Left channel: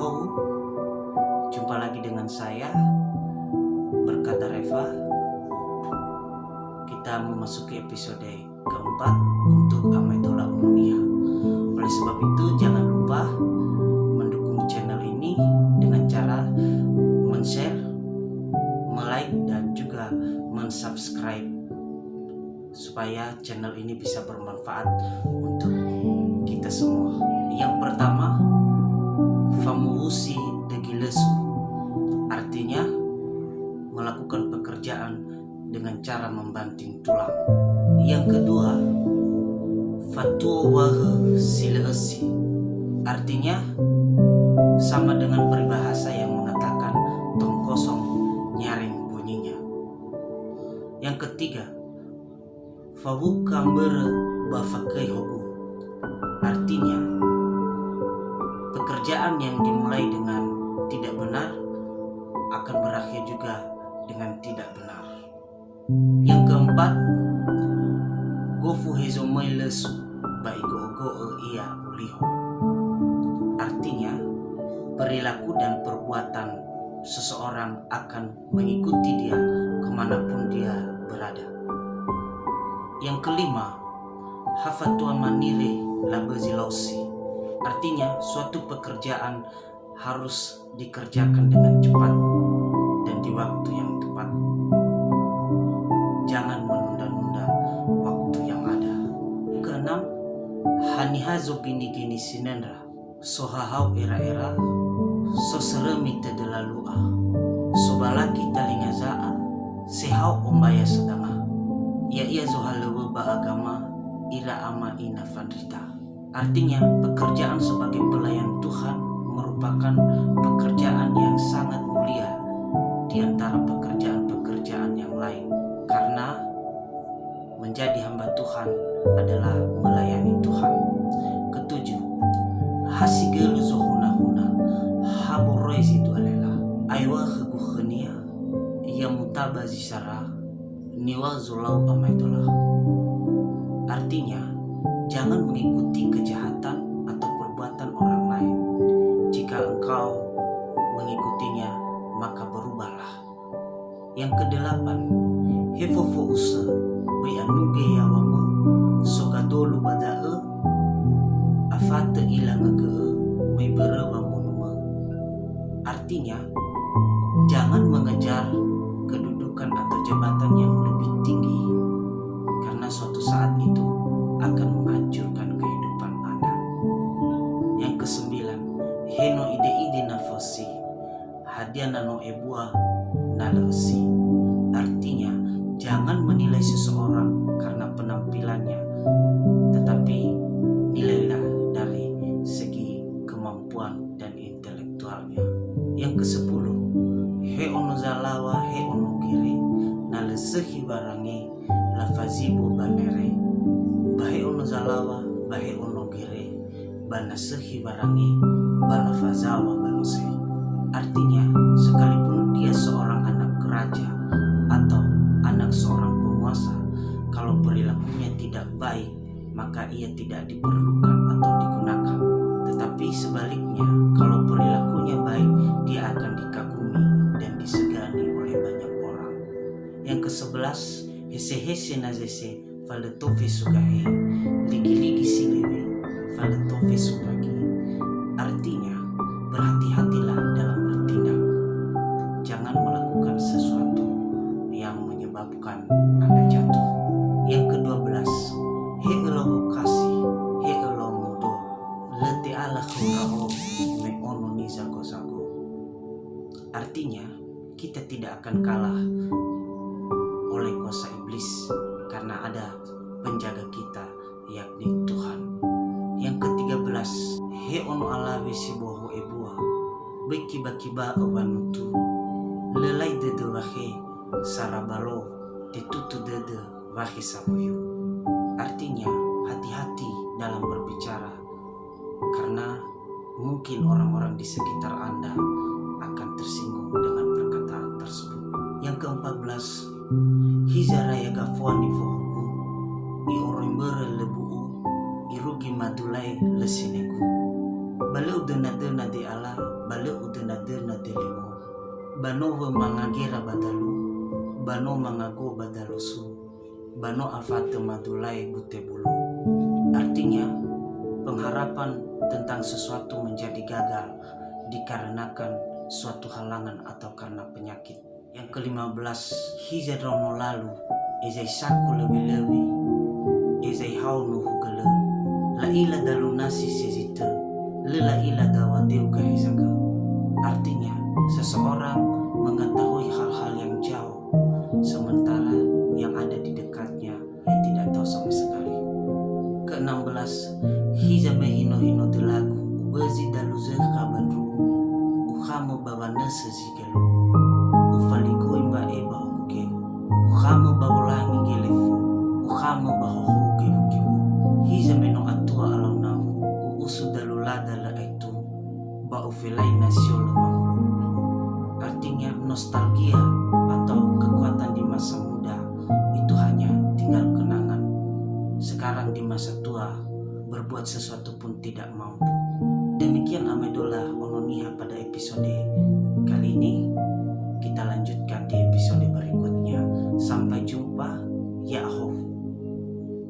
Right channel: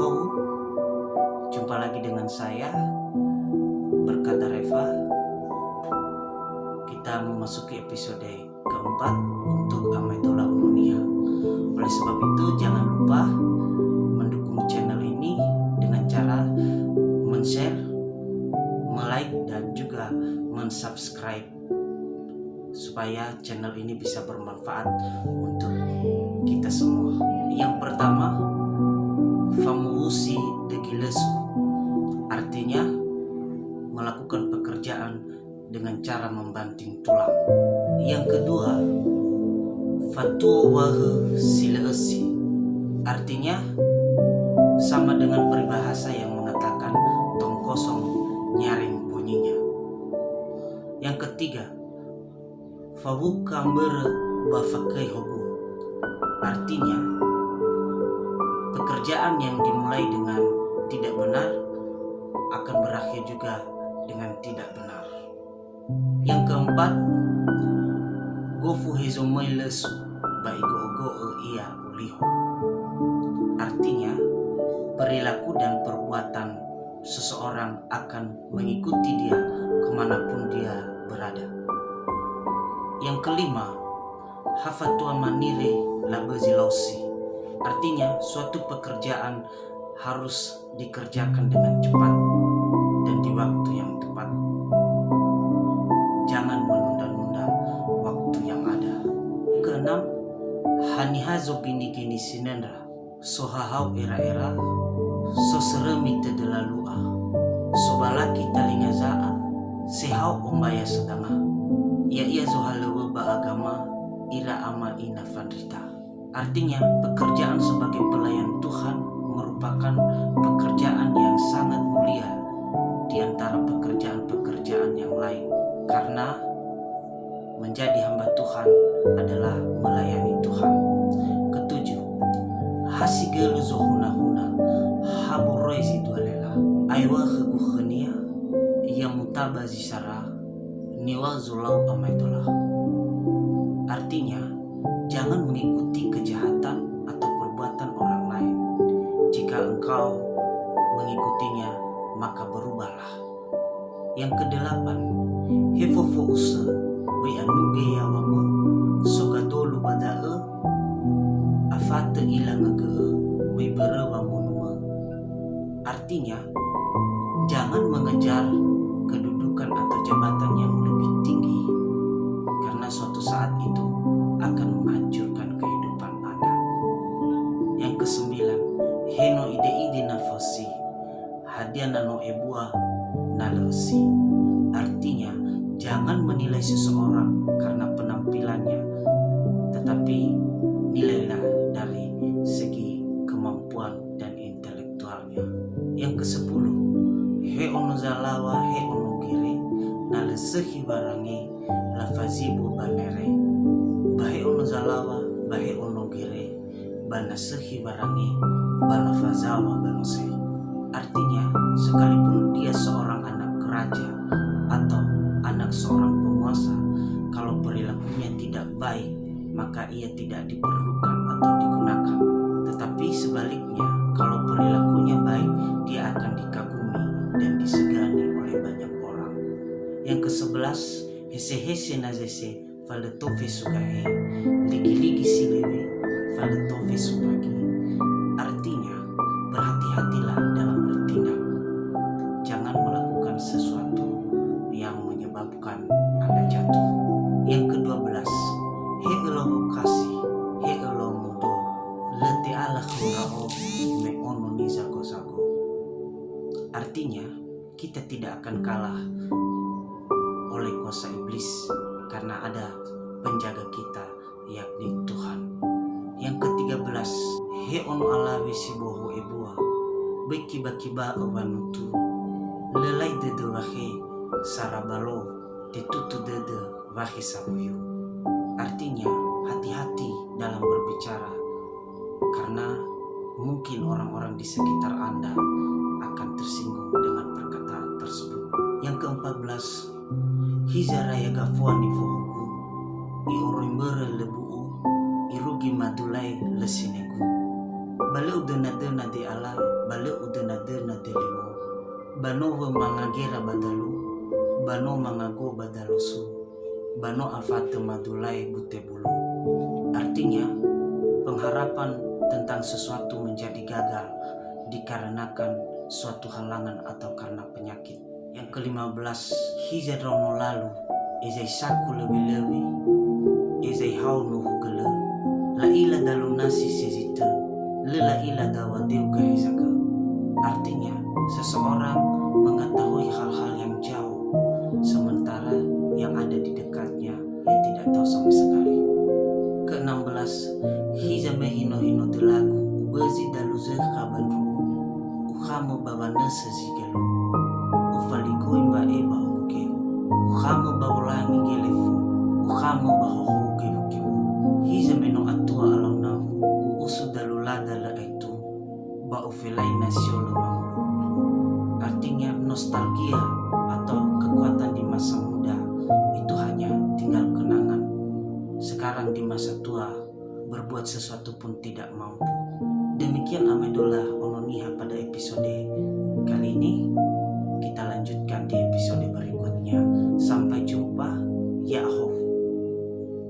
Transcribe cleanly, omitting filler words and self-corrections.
Ahau, jumpa lagi dengan saya, Berkata Reva. Kita memasuki episode keempat untuk Amaitola Ununia. Oleh sebab itu, jangan lupa mendukung channel ini dengan cara men-share, like, dan juga men-subscribe supaya channel ini bisa bermanfaat untuk kita semua. Yang pertama, famuusi degilesu, artinya melakukan pekerjaan dengan cara membanting tulang. Yang kedua, fatuwahe sileesi, artinya sama dengan peribahasa yang mengatakan tong kosong nyaring bunyinya. Yang ketiga, fawukambere bafakai hobu, artinya pekerjaan yang dimulai dengan tidak benar akan berakhir juga dengan tidak benar. Yang keempat, gofu hezomai lesu baigo iya uliho, artinya perilaku dan perbuatan seseorang akan mengikuti dia kemanapun dia berada. Yang kelima, hafatua manire labezilosi, artinya suatu pekerjaan harus dikerjakan dengan cepat dan di waktu yang tepat. Jangan menunda-nunda waktu yang ada. Keenam, hanihazo gini-gini sinendra sohahau era-era soseremi tedelalua sobalaki talingazaa sehau ombaya sedanga ia zohalewe baagama ira ama ina fandrita, artinya pekerjaan sebagai pelayan Tuhan merupakan pekerjaan yang sangat mulia di antara pekerjaan-pekerjaan yang lain, karena menjadi hamba Tuhan adalah melayani Tuhan. Ketujuh, hasigelu zohuna-huna haborezi dualela aywa khegukhenia ia mutabazisara niwa zulau amaitolah, artinya jangan mengikuti kejahatan atau perbuatan orang lain. Jika engkau mengikutinya, maka berubahlah. Yang kedelapan, hefofo use bayanuge yawama sogadolu badae afate ilangage mebere wamunuma, artinya jangan mengejar kedudukan atau jabatan yang lebih tinggi, karena suatu saat itu akan menghancurkan kehidupan Anda. Yang kesembilan, heno ide nafasi hadiana no ebua nalesi, artinya jangan menilai seseorang karena penampilannya, tetapi nilailah dari segi kemampuan dan intelektualnya. Yang kesepuluh, he ono zalawa he ono gire nalesehi barange lafazibo banere bahe ono zalawa bahe ono gire banasehi barange balafazawa banose, artinya sekalipun dia seorang anak raja atau anak seorang penguasa, kalau perilakunya tidak baik maka ia tidak diperlukan atau digunakan. Tetapi sebaliknya, kalau perilakunya baik, dia akan dikagumi dan disegani oleh banyak orang. Yang ke-11, hese-hese nazese faletofe sugahe ligi-ligi silewe faletofe subagi, artinya berhati-hatilah dalam bertindak. Jangan melakukan sesuatu yang menyebabkan Anda jatuh. Yang ke-12, he eloho kasih he eloho mudo lete ala khurao me ono ni zago-zago, artinya kita tidak akan kalah oleh kuasa iblis karena ada penjaga kita, yakni Tuhan. Yang ke-13, he ono ala wesiboho ebua bekiba-kiba obanutu lelai dede wahe sarabalo tetutu dede wahe saboyu, artinya hati-hati dalam berbicara karena mungkin orang-orang di sekitar Anda akan tersinggung dengan perkataan tersebut. Yang ke-14, hizaraya gafuani fohuku iorimbere lebu'u irugi madulai lesinegu balau dena-dena di ala bale udena-dena delimo, bano mangagera badalu, bano mangago badalusu, bano afate madulai bute bulu. Artinya, pengharapan tentang sesuatu menjadi gagal dikarenakan suatu halangan atau karena penyakit. Yang ke-15, hizadrono lalu, ezai saku lebih-lebih, ezai haunu hugele, la ila dalu nasi sezite, lela ila dawadeu gahesaga. Artinya, seseorang mengetahui hal-hal yang jauh, sementara yang ada di dekatnya ia tidak tahu sama sekali. Ke-16, hizame hino-hino delagu, ubezi dalu zeka bandru, uhamu babane sezigelu, ufaligu imba eba hukeu, uhamu baulangi gelefu, uhamu bahoho gehukeu, hizame no atua alau namu, uusu dalu lada la itu, ba ufelai nasiolo mamulu. Artinya nostalgia atau kekuatan di masa muda itu hanya tinggal kenangan. Sekarang di masa tua berbuat sesuatu pun tidak mampu. Demikian Amedola Ononiha pada episode kali ini.